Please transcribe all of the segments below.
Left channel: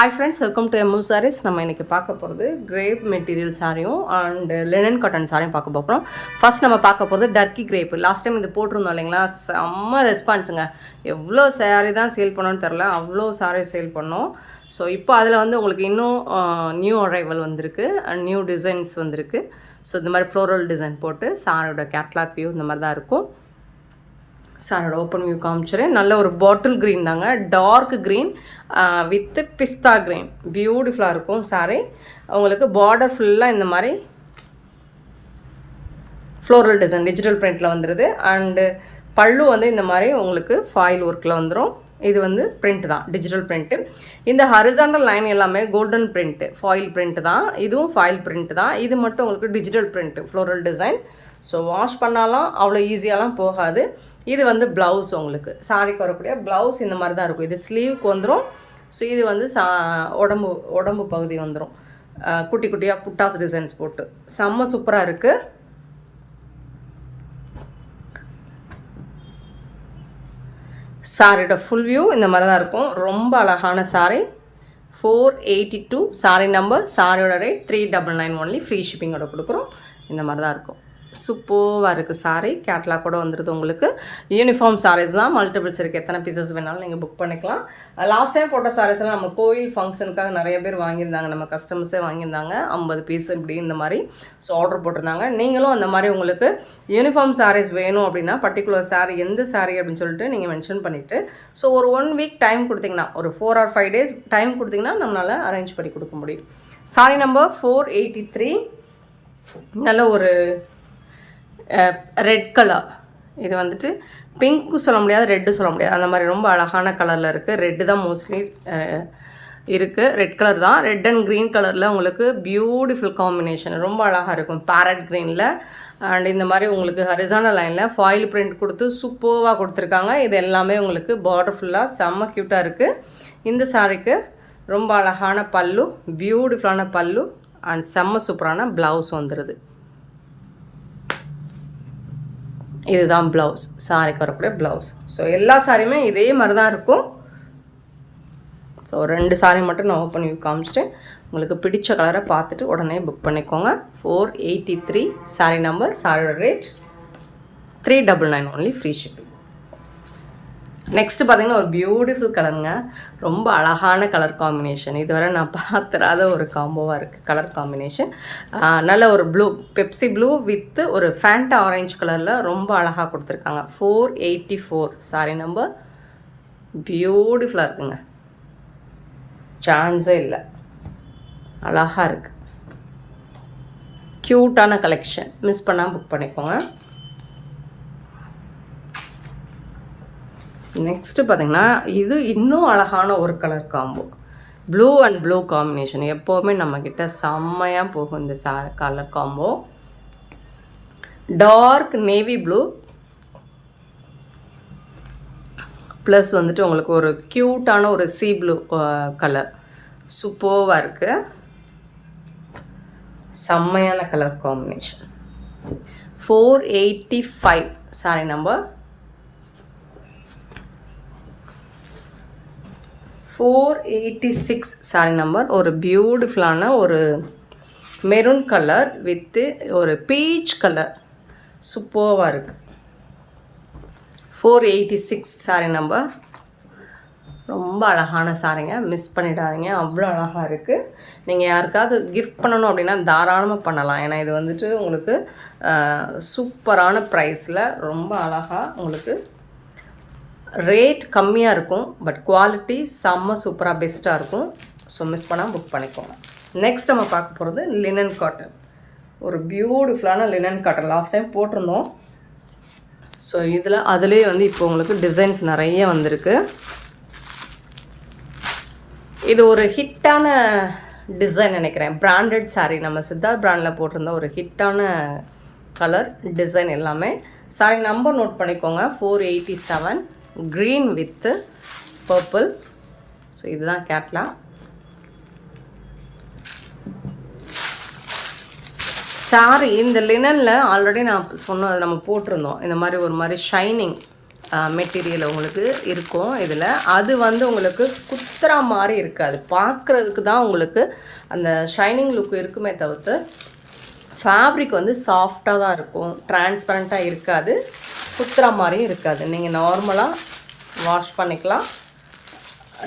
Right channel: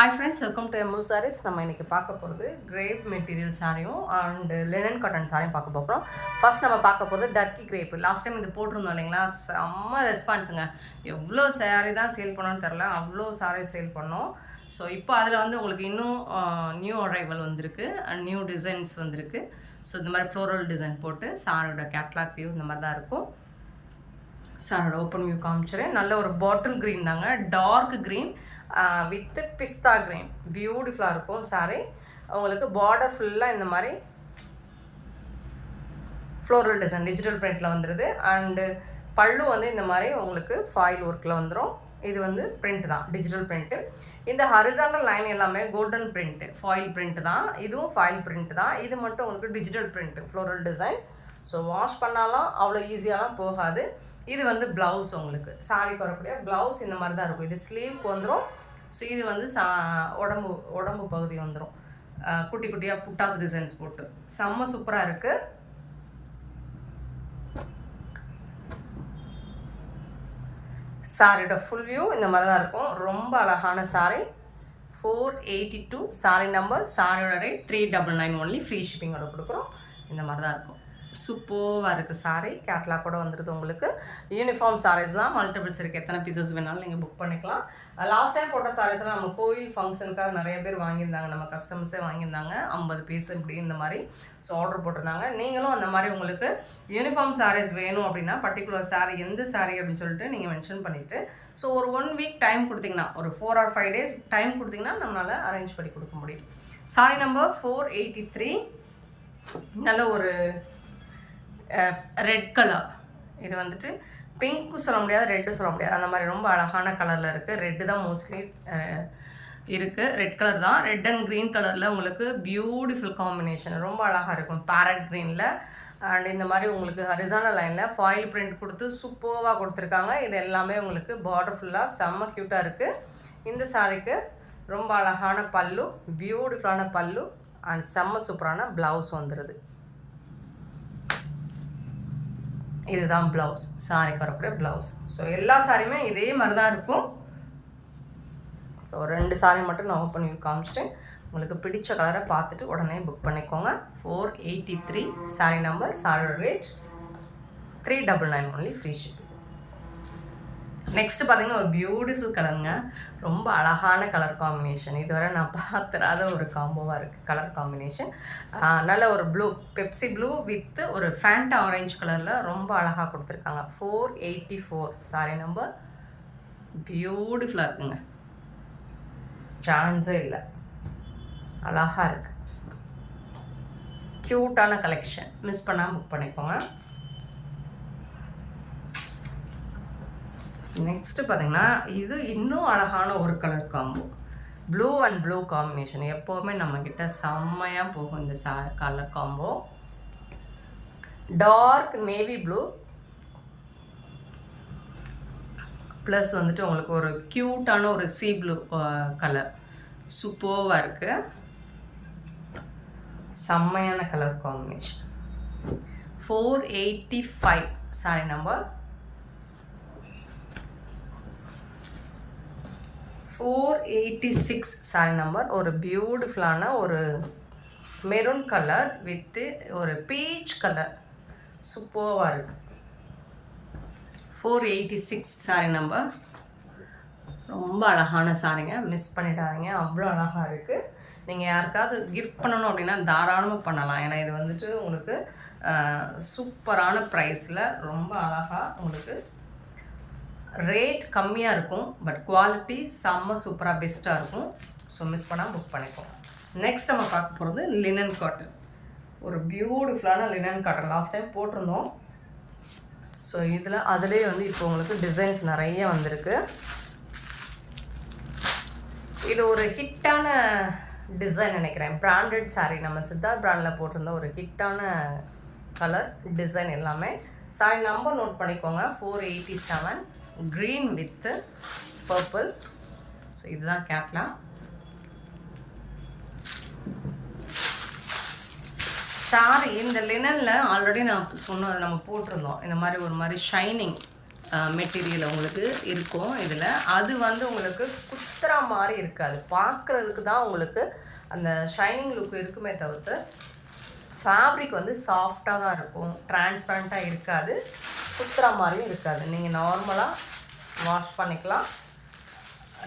Hi friends, welcome to MU sarees. நம்ம இன்றைக்கி பார்க்க போகிறது கிரேப் மெட்டீரியல் சாரியும் அண்ட் லினன் காட்டன் சாரியும் பார்க்க போகிறோம். ஃபர்ஸ்ட் நம்ம பார்க்க போகிறது டர்க்கி கிரேப். லாஸ்ட் டைம் இது போட்டிருந்தோம் இல்லைங்களா, செம்ம ரெஸ்பான்ஸுங்க. எவ்வளோ சாரி தான் சேல் பண்ணோன்னு தெரில, அவ்வளோ சாரி சேல் பண்ணோம். ஸோ இப்போ அதில் வந்து உங்களுக்கு இன்னும் நியூ அரைவல் வந்திருக்கு அண்ட் நியூ டிசைன்ஸ் வந்திருக்கு. ஸோ இந்த மாதிரி ஃப்ளோரல் டிசைன் போட்டு சாரோட கேட்லாக் வியூ இந்த மாதிரி தான் இருக்கும். சாரோட ஓப்பன் வியூ காமிச்சிடுறேன். நல்ல ஒரு பாட்டில் க்ரீன் தாங்க, dark green with pista green. பியூட்டிஃபுல்லாக இருக்கும் சாரி. உங்களுக்கு பார்டர் ஃபுல்லாக இந்த மாதிரி ஃப்ளோரல் டிசைன் டிஜிட்டல் பிரிண்டில் வந்துடுது. அண்டு பல்லு வந்து இந்த மாதிரி உங்களுக்கு ஃபாயில் ஒர்க்கில் வந்துடும். இது வந்து பிரிண்ட் தான், டிஜிட்டல் பிரிண்ட்டு. இந்த ஹரிசாண்டல் லைன் எல்லாமே கோல்டன் பிரிண்ட்டு, ஃபாயில் பிரிண்ட் தான். இதுவும் ஃபாயில் பிரிண்ட் தான். இது மட்டும் உங்களுக்கு digital print, floral design. So wash பண்ணாலும் அவ்வளோ ஈஸியாலாம் போகாது. இது வந்து ப்ளவுஸ், உங்களுக்கு சாரிக்கு வரக்கூடிய ப்ளவுஸ் இந்த மாதிரி தான் இருக்கும். இது ஸ்லீவுக்கு வந்துடும். ஸோ இது வந்து உடம்பு பகுதி வந்துடும். குட்டி குட்டியாக புட்டாஸ் டிசைன்ஸ் போட்டு செம்ம சூப்பராக இருக்குது. சாரியோட ஃபுல் வியூ இந்த மாதிரி தான் இருக்கும். ரொம்ப அழகான சாரி. 482 sorry number. சாரியோட ரேட் 399 ஒன்லி. ஃப்ரீ ஷிப்பிங்கோட கொடுக்குறோம். இந்த மாதிரி தான் இருக்கும். சூப்பராக இருக்குது சாரி. கேட்லாக் கூட வந்துடுது உங்களுக்கு. யூனிஃபார்ம் சாரீஸ் தான், மல்டிபிள்ஸ் இருக்குது. எத்தனை பீசஸ் வேணாலும் நீங்கள் புக் பண்ணிக்கலாம். லாஸ்ட் டைம் போட்ட சாரீஸ்லாம் நம்ம கோயில் ஃபங்க்ஷனுக்காக நிறைய பேர் வாங்கியிருந்தாங்க, நம்ம கஸ்டமர்ஸே வாங்கியிருந்தாங்க. 50 பீஸ் இப்படி இந்த மாதிரி. ஸோ ஆர்டர் போட்டிருந்தாங்க. நீங்களும் அந்த மாதிரி உங்களுக்கு யூனிஃபார்ம் சாரீஸ் வேணும் அப்படின்னா பர்டிகுலர் சாரீ எந்த சாரீ அப்படின்னு சொல்லிட்டு நீங்கள் மென்ஷன் பண்ணிவிட்டு ஸோ ஒரு 1 வீக் டைம் கொடுத்தீங்கன்னா, ஒரு 4 or 5 days டைம் கொடுத்தீங்கன்னா நம்மளால் அரேஞ்ச் பண்ணி கொடுக்க முடியும். Sorry number 483. நல்ல ஒரு ரெட் கலர். இது வந்துட்டு பிங்க்கு சொல்ல முடியாது, ரெட்டு சொல்ல முடியாது, அந்த மாதிரி ரொம்ப அழகான கலரில் இருக்குது. ரெட்டு தான் மோஸ்ட்லி இருக்குது. ரெட் கலர் தான். ரெட் அண்ட் க்ரீன் கலரில் உங்களுக்கு பியூட்டிஃபுல் காம்பினேஷன், ரொம்ப அழகாக இருக்கும். பேரட் க்ரீனில் அண்ட் இந்த மாதிரி உங்களுக்கு ஹரிசாண்டல் லைனில் ஃபாயில் பிரிண்ட் கொடுத்து சூப்பராக கொடுத்துருக்காங்க. இது எல்லாமே உங்களுக்கு பார்டர் ஃபுல்லாக செம்ம க்யூட்டாக இருக்குது. இந்த சாரிக்கு ரொம்ப அழகான பல்லு, பியூட்டிஃபுல்லான பல்லு அண்ட் செம்ம சூப்பரான ப்ளவுஸ் வந்துடுது. இதுதான் ப்ளவுஸ், சாரிக்கு வரக்கூடிய ப்ளவுஸ். ஸோ எல்லா சாரியுமே இதே மாதிரி தான் இருக்கும். ஸோ 2 சாரி மட்டும் நான் ஓப்பன் பண்ணி காமிச்சிட்டேன். உங்களுக்கு பிடிச்ச கலரை பார்த்துட்டு உடனே புக் பண்ணிக்கோங்க. 483 சாரி நம்பர். சாரியோட rate 399 only. Free shipping. Next பார்த்திங்கன்னா ஒரு பியூட்டிஃபுல் கலருங்க. ரொம்ப அழகான கலர் காம்பினேஷன். இதுவரை நான் பார்த்துறாத ஒரு காம்போவாக இருக்குது கலர் காம்பினேஷன். நல்ல ஒரு ப்ளூ, பெப்சி ப்ளூ வித்து ஒரு ஃபேண்டா ஆரஞ்சு கலரில் ரொம்ப அழகாக கொடுத்துருக்காங்க. 484 சாரி நம்பர். பியூட்டிஃபுல்லாக இருக்குங்க, சான்ஸே இல்லை. அழகாக இருக்குது, க்யூட்டான கலெக்ஷன். மிஸ் பண்ணால் புக் பண்ணிக்கோங்க. நெக்ஸ்ட்டு பார்த்திங்கன்னா இது இன்னும் அழகான ஒரு colour combo. Blue and blue combination எப்போவுமே நம்மக்கிட்ட செம்மையாக போகும். இந்த colour combo dark navy blue plus வந்துட்டு உங்களுக்கு ஒரு க்யூட்டான ஒரு சீ ப்ளூ கலர். சூப்பராக இருக்குது, செம்மையான colour combination. 485 sorry number. 486 sorry number. ஒரு பியூட்டிஃபுல்லான ஒரு மெரூன் கலர் வித்து ஒரு பீச் கலர். சூப்பராக இருக்குது. 486 சாரி நம்பர். ரொம்ப அழகான சாரிங்க, மிஸ் பண்ணிடாதீங்க. அவ்வளோ அழகாக இருக்குது. நீங்கள் யாருக்காவது கிஃப்ட் பண்ணணும் அப்படின்னா தாராளமாக பண்ணலாம். ஏன்னா இது வந்துட்டு உங்களுக்கு சூப்பரான ப்ரைஸில் ரொம்ப அழகாக உங்களுக்கு ரேட் கம்மியாக இருக்கும். பட் குவாலிட்டி செம்ம சூப்பராக பெஸ்ட்டாக இருக்கும். ஸோ மிஸ் பண்ணால் புக் பண்ணிக்கோங்க. நெக்ஸ்ட் நம்ம பார்க்க போகிறது லினன் காட்டன். ஒரு பியூட்டிஃபுல்லான லினன் காட்டன் லாஸ்ட் டைம் போட்டிருந்தோம். ஸோ அதுலேயே வந்து இப்போ உங்களுக்கு டிசைன்ஸ் நிறைய வந்திருக்கு. இது ஒரு ஹிட்டான டிசைன் நினைக்கிறேன். பிராண்டட் சாரீ, நம்ம சித்தார்த் பிராண்டில் போட்டிருந்த ஒரு ஹிட்டான கலர் டிசைன் எல்லாமே. சாரி நம்பர் நோட் பண்ணிக்கோங்க. 487 க்ரீன் வித்து பர்பிள். ஸோ இதுதான் கேட்லாக். சாரி இந்த லினனில் ஆல்ரெடி நான் சொன்னது நம்ம போட்டிருந்தோம். இந்த மாதிரி ஒரு மாதிரி ஷைனிங் மெட்டீரியல் உங்களுக்கு இருக்கும் இதில். அது வந்து உங்களுக்கு குத்துற மாதிரி இருக்காது, பார்க்குறதுக்கு தான் உங்களுக்கு அந்த ஷைனிங் லுக் இருக்குமே தவிர்த்து ஃபேப்ரிக் வந்து சாஃப்டாக தான் இருக்கும், டிரான்ஸ்பரண்ட்டாக இருக்காது, குத்துற மாதிரியும் இருக்காது. நீங்கள் நார்மலாக வாஷ் பண்ணிக்கலாம்,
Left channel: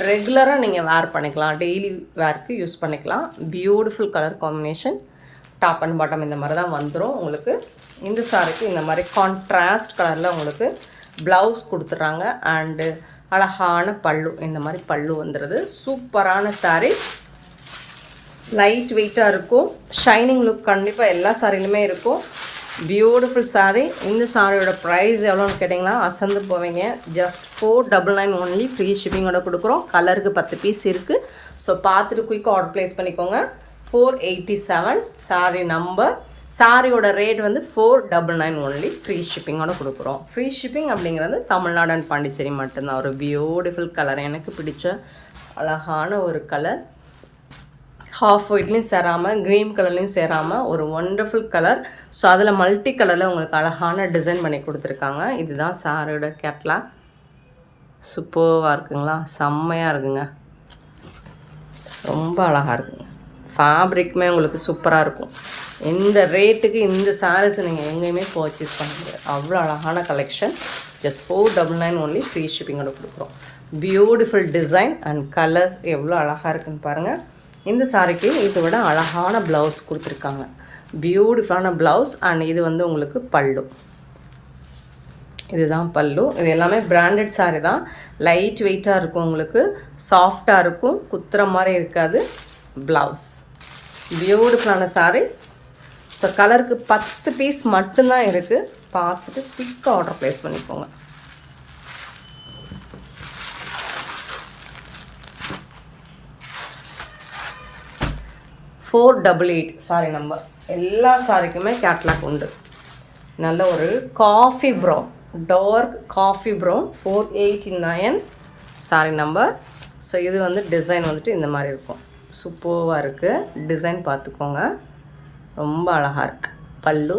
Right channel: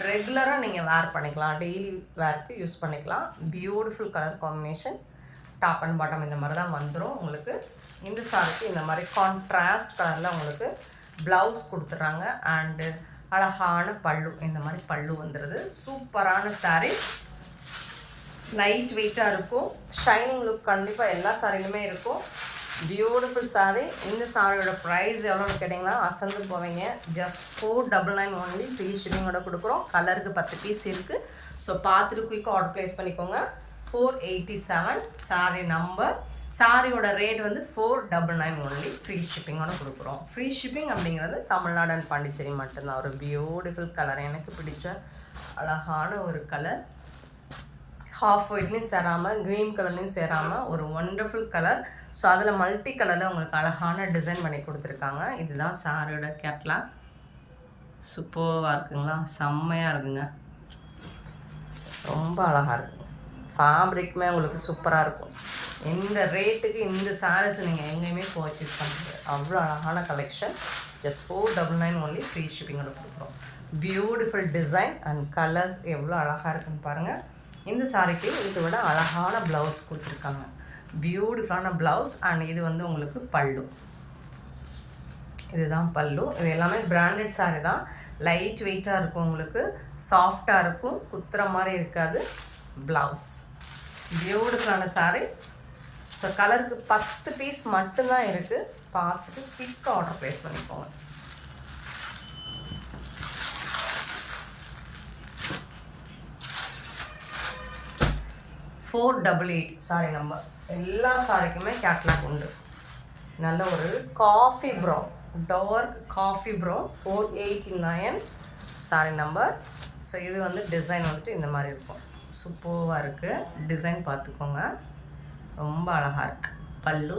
ரெகுலராக நீங்கள் வேர் பண்ணிக்கலாம், டெய்லி வேர்க்கு யூஸ் பண்ணிக்கலாம். Beautiful colour combination, top and bottom இந்த மாதிரி தான் வந்துடும் உங்களுக்கு. இந்த சாரிக்கு இந்த மாதிரி கான்ட்ராஸ்ட் கலரில் உங்களுக்கு ப்ளவுஸ் கொடுத்துட்றாங்க. அண்டு அழகான பல்லு, இந்த மாதிரி பல்லு வந்துடுது. சூப்பரான சாரீ, லைட் வெயிட்டாக இருக்கும், ஷைனிங் லுக் கண்டிப்பாக எல்லா சாரிலுமே இருக்கும். பியூட்டிஃபுல் சாரீ. இந்த சாரியோட ப்ரைஸ் எவ்வளோன்னு கேட்டிங்கன்னா அசந்து போவீங்க. ஜஸ்ட் 499 ஒன்லி, ஃப்ரீ ஷிப்பிங்கோட கொடுக்குறோம். கலருக்கு 10 பீஸ் இருக்குது. ஸோ பார்த்துட்டு குயிக்காக ஆர்டர் ப்ளேஸ் பண்ணிக்கோங்க. 487 சாரீ நம்பர். சாரியோட ரேட் வந்து 499 ஒன்லி, ஃப்ரீ ஷிப்பிங்கோட கொடுக்குறோம். ஃப்ரீ ஷிப்பிங் அப்படிங்கிறது தமிழ்நாடு அண்ட் பாண்டிச்சேரி மட்டும்தான். ஒரு பியூட்டிஃபுல் கலர், எனக்கு பிடிச்ச அழகான ஒரு கலர், ஹாஃப் ஒயிட்லேயும் சேராமல் க்ரீன் கலர்லேயும் சேராமல் ஒரு ஒண்டர்ஃபுல் கலர். ஸோ அதில் மல்டி கலரில் உங்களுக்கு அழகான டிசைன் பண்ணி கொடுத்துருக்காங்க. இதுதான் சாரியோட கேட்லாக். சூப்பராக இருக்குங்களா, செம்மையாக இருக்குங்க, ரொம்ப அழகாக இருக்குங்க. ஃபேப்ரிக்குமே உங்களுக்கு சூப்பராக இருக்கும். இந்த ரேட்டுக்கு இந்த சாரீஸ் நீங்கள் எங்கேயுமே பர்ச்சேஸ் பண்ண முடியாது, அவ்வளோ அழகான கலெக்ஷன். ஜஸ்ட் 499 ஒன்லி, ஃப்ரீ ஷிப்பிங்கோட கொடுக்குறோம். பியூட்டிஃபுல் டிசைன் அண்ட் கலர்ஸ் எவ்வளோ அழகாக இருக்குன்னு பாருங்கள். இந்த சாரிக்கு இதை விட அழகான ப்ளவுஸ் கொடுத்துருக்காங்க, பியூட்டிஃபுல்லான ப்ளவுஸ். அண்ட் இது வந்து உங்களுக்கு பல்லு, இதுதான் பல்லு. இது எல்லாமே பிராண்டட் சாரீ தான், லைட் வெயிட்டாக இருக்கும், உங்களுக்கு சாஃப்டாக இருக்கும், குத்துற மாதிரி இருக்காது. ப்ளவுஸ் பியூட்டிஃபுல்லான சாரீ. ஸோ கலருக்கு 10 பீஸ் மட்டும்தான் இருக்குது. பார்த்துட்டு குயிக்காக ஆர்டர் ப்ளேஸ் பண்ணிக்கோங்க. $488 சாரி நம்பர். எல்லா சாரிக்குமே கேட்லாக் உண்டு. நல்ல ஒரு coffee brown, dark coffee brown, 489 sari number. So இது வந்து டிசைன் வந்துட்டு இந்த மாதிரி இருக்கும், சூப்பராக இருக்குது. டிசைன் பார்த்துக்கோங்க, ரொம்ப அழகாக இருக்குது. பல்லு.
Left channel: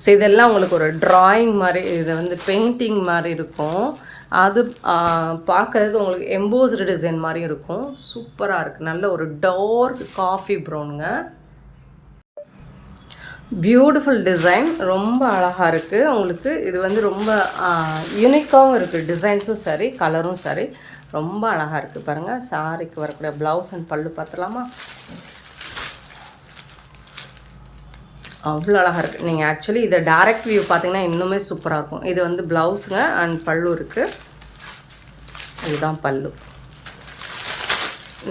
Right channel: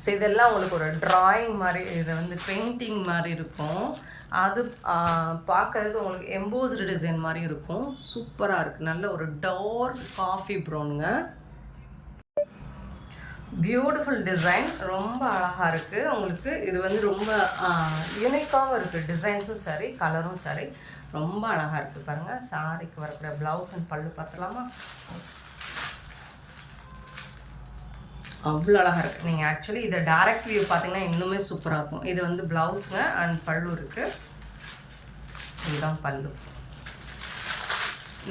ஸோ இதெல்லாம் உங்களுக்கு ஒரு ட்ராயிங் மாதிரி, இது வந்து பெயிண்டிங் மாதிரி இருக்கும். அது பார்க்குறதுக்கு உங்களுக்கு எம்போஸ்டு டிசைன் மாதிரி இருக்கும், சூப்பராக இருக்குது. நல்ல ஒரு டார்க் காஃபி ப்ரௌனுங்க, பியூட்டிஃபுல் டிசைன், ரொம்ப அழகாக இருக்குது உங்களுக்கு. இது வந்து ரொம்ப யூனிக்காகவும் இருக்குது, டிசைன்ஸும் சரி கலரும் சரி, ரொம்ப அழகாக இருக்குது. பாருங்கள், சாரிக்கு வரக்கூடிய ப்ளவுஸ் அண்ட் பல்லு பார்த்துலாமா, அவ்வளோ அழகாக இருக்குது. நீங்கள் ஆக்சுவலி இதை டைரக்ட் வியூ பார்த்தீங்கன்னா இன்னுமே சூப்பராக இருக்கும். இது வந்து ப்ளவுஸுங்க அண்ட் பல்லு இருக்குது, இதுதான் பல்லு.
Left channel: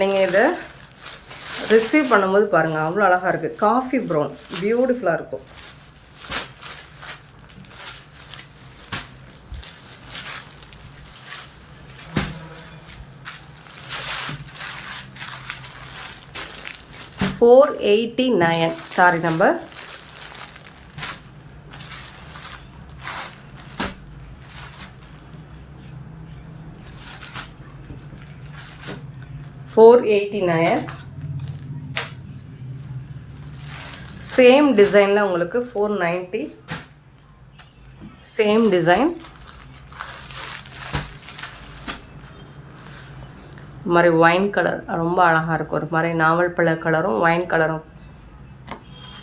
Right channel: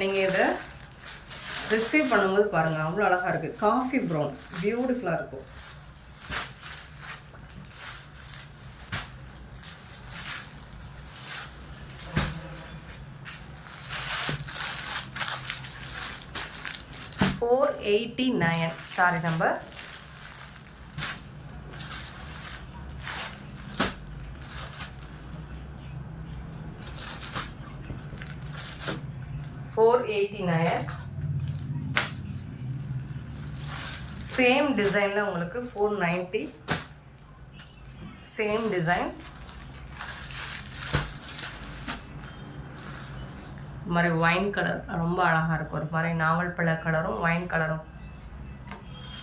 நீங்கள் இதை ரிசீவ் பண்ணும்போது பாருங்கள், அவ்வளோ அழகாக இருக்குது. காஃபி ப்ரௌன், பியூட்டிஃபுல்லாக இருக்கும். $489 சாரி நம்பர். $489. சேம் டிசைனில் உங்களுக்கு 490. சேம் டிசைன், இது மாதிரி ஒயின் கலர் ரொம்ப அழகாக இருக்கும். ஒரு மாதிரி நாவல் பழ கலரும் ஒயின் கலரும்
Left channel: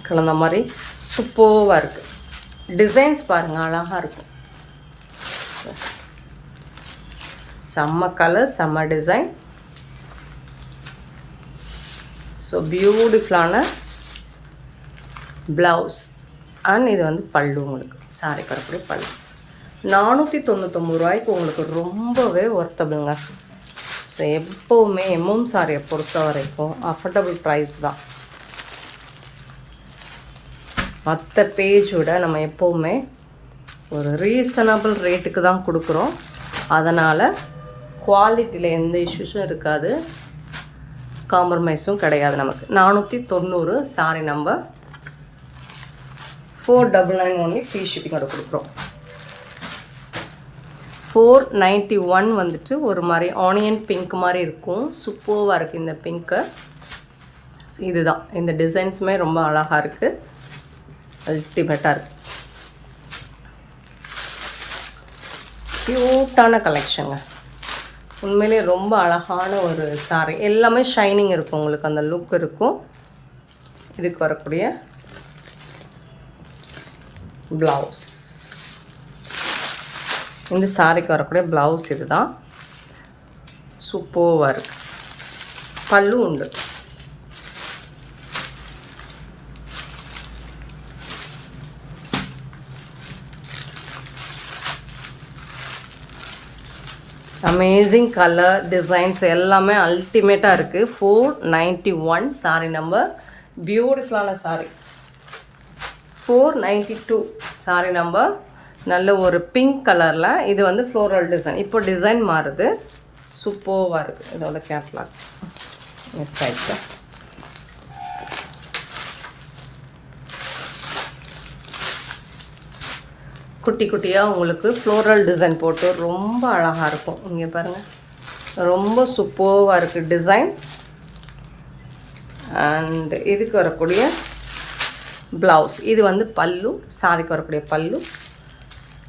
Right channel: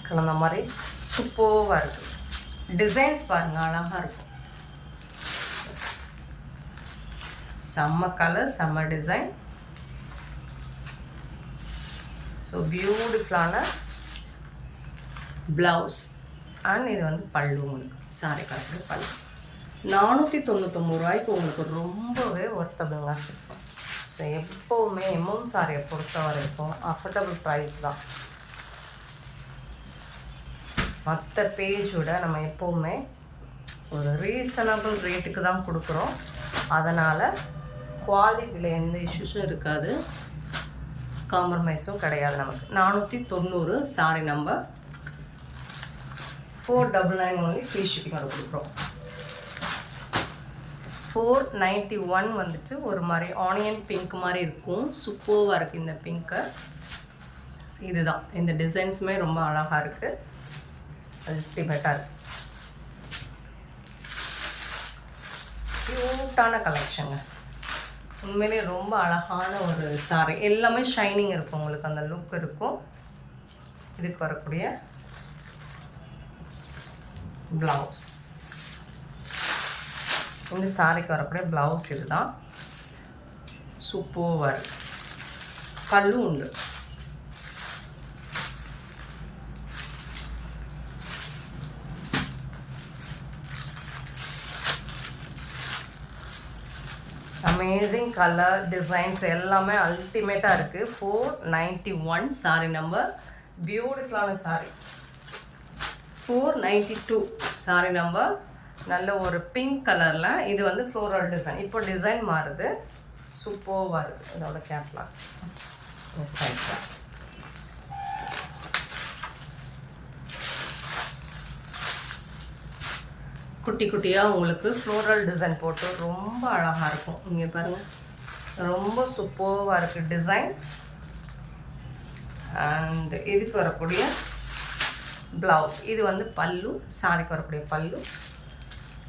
கலந்த மாதிரி சூப்பராக இருக்குது. டிசைன்ஸ் பாருங்கள், அழகாக இருக்கும். செம்ம கலர், செம்ம டிசைன். ஸோ பியூட்டிஃபுல்லான ப்ளவுஸ் அண்ட் இது வந்து பல்லு. உங்களுக்கு சாரி கரப்படி பல்லு. 499 ரூபாய்க்கு உங்களுக்கு ரொம்பவே ஒர்த்தபிளுங்க. ஸோ எப்போவுமே எம்எம் சாரியை பொறுத்த வரைக்கும் அஃபோர்டபுள் ப்ரைஸ் தான். மற்ற பேஜோட நம்ம எப்போவுமே ஒரு ரீசனபிள் ரேட்டுக்கு தான் கொடுக்குறோம். அதனால் குவாலிட்டியில் எந்த இஷ்யூஸும் இருக்காது, காம்ப்ரமைஸும் கிடையாது நமக்கு. 490 சாரி நம்பர். 499 ஒன்லி, ஃப்ரீ ஷிப்பிங்கோட கொடுக்குறோம். 491 வந்துட்டு ஒரு மாதிரி ஆனியன் பிங்க் மாதிரி இருக்கும், சூப்பராக இருக்குது இந்த பிங்க்கு. இதுதான், இந்த டிசைன்ஸுமே ரொம்ப அழகாக இருக்குது, அல்டிமேட்டாக இருக்குது. க்யூட்டான கலெக்ஷனுங்க. உண்மையிலே ரொம்ப அழகான ஒரு சாரி. எல்லாமே ஷைனிங் இருக்கும், உங்களுக்கு அந்த லுக் இருக்கும். இதுக்கு வரக்கூடிய ப்ளவுஸ், இந்த சாரிக்கு வரக்கூடிய ப்ளவுஸ் இதுதான். சூப்பராக இருக்குது. பல்லு உண்டு. அமேசிங் கலர் டிசைன்ஸ் எல்லாமே அல்டிமேட்டாக இருக்குது. 491 சாரி நம்பர். பியூட்டிஃபுல்லான சாரி. 492 sorry number. நல்ல ஒரு பிங்க் கலரில். இது வந்து ஃப்ளோரல் டிசைன். இப்போ டிசைன் மாறுது. சூப்பராக இருக்குது. இதோட கேட்லாக் சைடில் குட்டி குட்டியாக உங்களுக்கு ஃப்ளோரல் டிசைன் போட்டு ரொம்ப அழகாக இருக்கும். இங்கே பாருங்கள், ரொம்ப சூப்பராக இருக்குது டிசைன். அண்ட் இதுக்கு வரக்கூடிய ப்ளவுஸ், இது வந்து பல்லு, சாரிக்கு வரக்கூடிய பல்லு.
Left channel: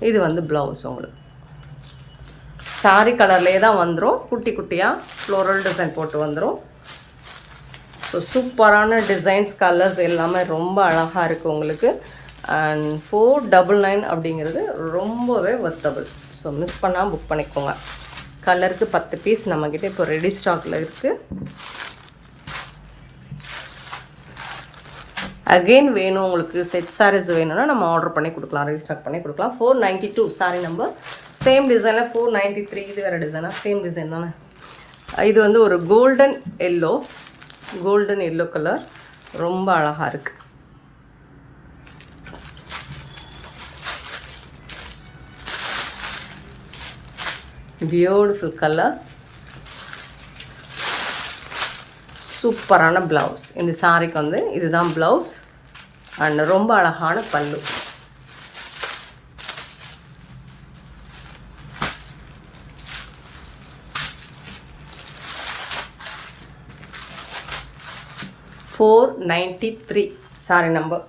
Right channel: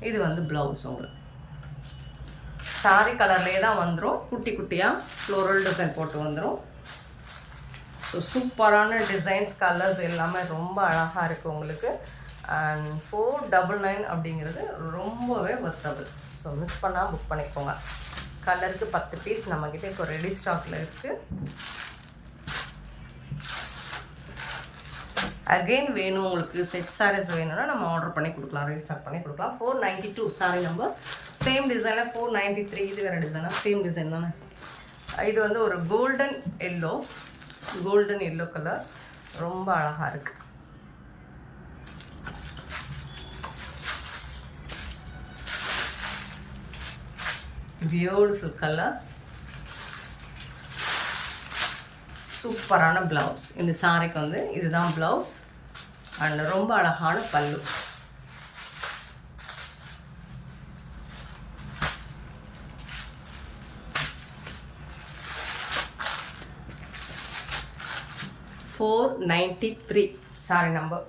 இது வந்து ப்ளவுஸ். உங்களுக்கு சாரி கலர்லேயே தான் வந்துடும். குட்டி குட்டியாக ஃப்ளோரல் டிசைன் போட்டு வந்துடும். ஸோ சூப்பரான டிசைன்ஸ், கலர்ஸ் எல்லாமே ரொம்ப அழகாக இருக்குது உங்களுக்கு. அண்ட் 499 அப்படிங்கிறது ரொம்பவே வர்த்தபிள். ஸோ மிஸ் பண்ணால் புக் பண்ணிக்கோங்க. கலருக்கு 10 பீஸ் நம்மக்கிட்ட இப்போ ரெடி ஸ்டாக்கில் இருக்குது. அகெயின் வேணும் உங்களுக்கு செட் சாரீஸ் வேணும்னா நம்ம ஆர்டர் பண்ணி கொடுக்கலாம், ரீஸ்டாக் பண்ணி கொடுக்கலாம். 492 சாரி நம்பர். சேம் டிசைனில் 493. இது வேறு டிசைனா? சேம் டிசைன் தானே. இது வந்து ஒரு கோல்டன் எல்லோ கலர். ரொம்ப அழகாக இருக்குது. Beautiful colour. சூப்பரான ப்ளவுஸ். இந்த சாரிக்கு வந்து இதுதான் ப்ளவுஸ். அண்ட் ரொம்ப அழகான பல்லு. $493 சாரி நம்பர்.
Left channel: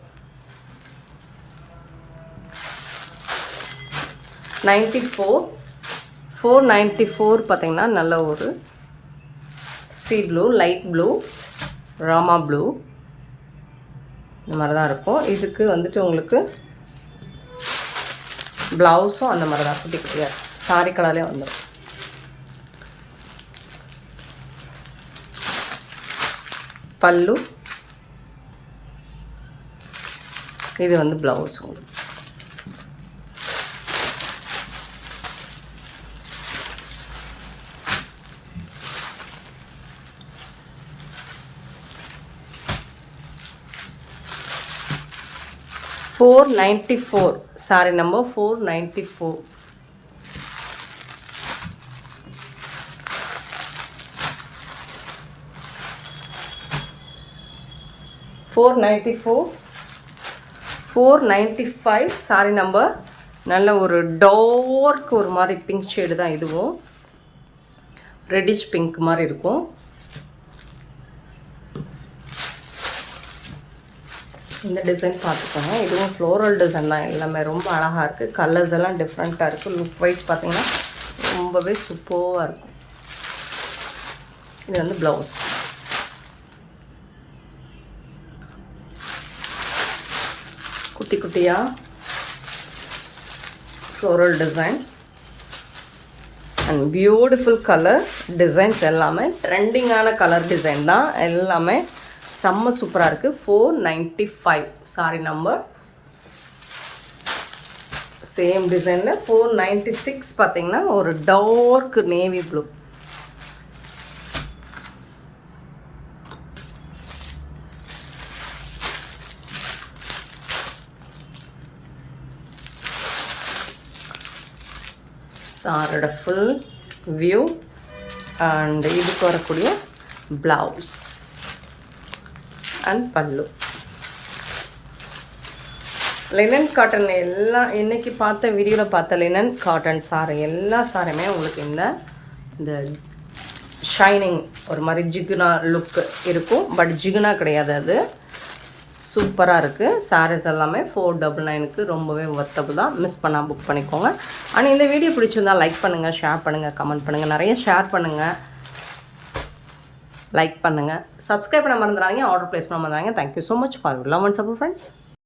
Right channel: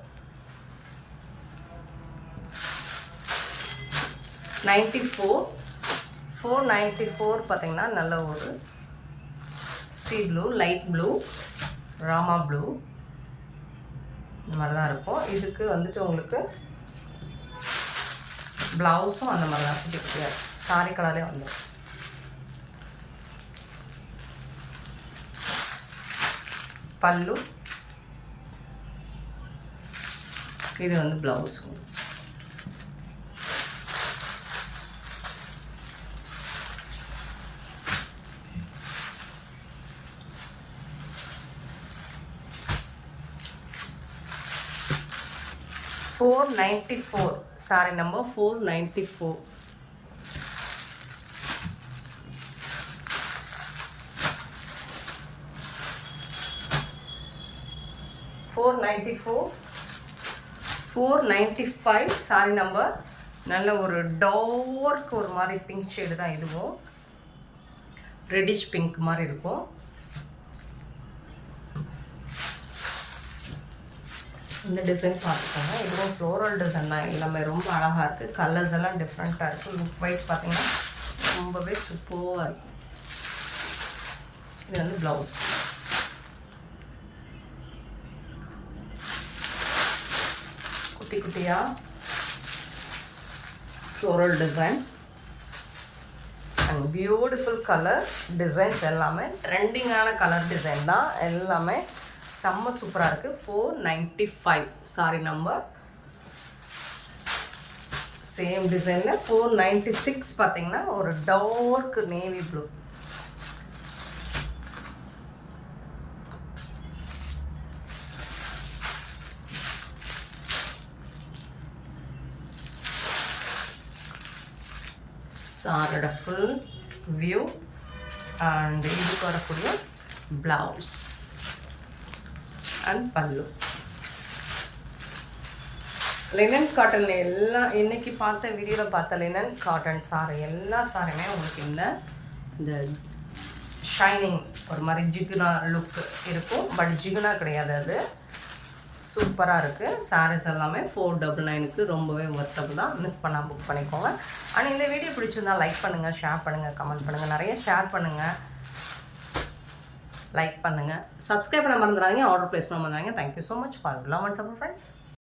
494 பார்த்திங்கன்னா நல்ல ஒரு C blue, light blue, Rama blue, இந்த மாதிரி தான் இருக்கும். இதுக்கு வந்துட்டு உங்களுக்கு ப்ளவுஸும் அந்த மாதிரி தான் குட்டி குட்டியாக சாரி கலர்லேயே வந்துடும். பல்லு, இது வந்து ப்ளவுஸ். உங்களுக்கு 494 சாரி நம்பர். 494. $495 sorry number. நல்ல ஒரு டார்க் ஒரு மாதிரி பிங்க் ஷேடு தான் இதுவும். ரெட்டிஷ் பிங்க் மாதிரி இருக்கும். இந்த டிசைன் பார்த்துக்கோங்க. இதுவும் ஃப்ளோரல் டிசைன் தான். எல்லாமே ரொம்ப அழகாக இருக்குது. கலர்ஸ் எல்லாம் டிஃப்ரெண்ட்டாக இருக்குது. லுக் வைஸ் பார்த்தீங்கன்னா ரொம்பவே சூப்பராக இருக்கும். இது வந்து ப்ளவுஸ். குட்டி குட்டியாக floral design and beautiful colour designs. எல்லாமே ட்ரெண்டிங்கான கலர் டிசைன் தான். எல்லாமே செம்ம சூப்பராக இருக்குது. 495 சாரி நம்பர். சேம் டிசைனில் 496 பார்த்தீங்கன்னா ஒரு டார்க் நேவி ப்ளூ. சாரோட ஃபுல் வியூ அண்ட் இதுக்கு வரக்கூடிய ப்ளவுஸ் அண்ட் பல்லு. லினன் காட்டன் எல்லாம் இன்றைக்கி பார்த்த வீடியோவில் பார்த்த லினன் காட்டன் சாரி எல்லா சாரியுமே உங்களுக்கு இந்த ஷைனிங் ஒரு மாதிரி ஜிகுனா லுக் இருக்கும். பட் ஜிகுனா கிடையாது அது. ஸோ சூப்பராக இருக்குது. சாரீஸ் எல்லாமே 499க்கு ரொம்பவே ஒர்த்தபுள் தான். மிஸ் பண்ணால் புக் பண்ணிக்கோங்க. ஆனால் இந்த வீடியோ பிடிச்சிருந்தால் லைக் பண்ணுங்கள், ஷேர் பண்ணுங்கள், கமெண்ட் பண்ணுங்கள், நிறைய ஷேர் பண்ணுங்கள், லைக் பண்ணுங்கள், சப்ஸ்கிரைப் பண்ண மறந்துடாதீங்க, ஆர்டர் ப்ளேஸ் பண்ண மறந்துடாதீங்க. Thank you so much for love and support friends.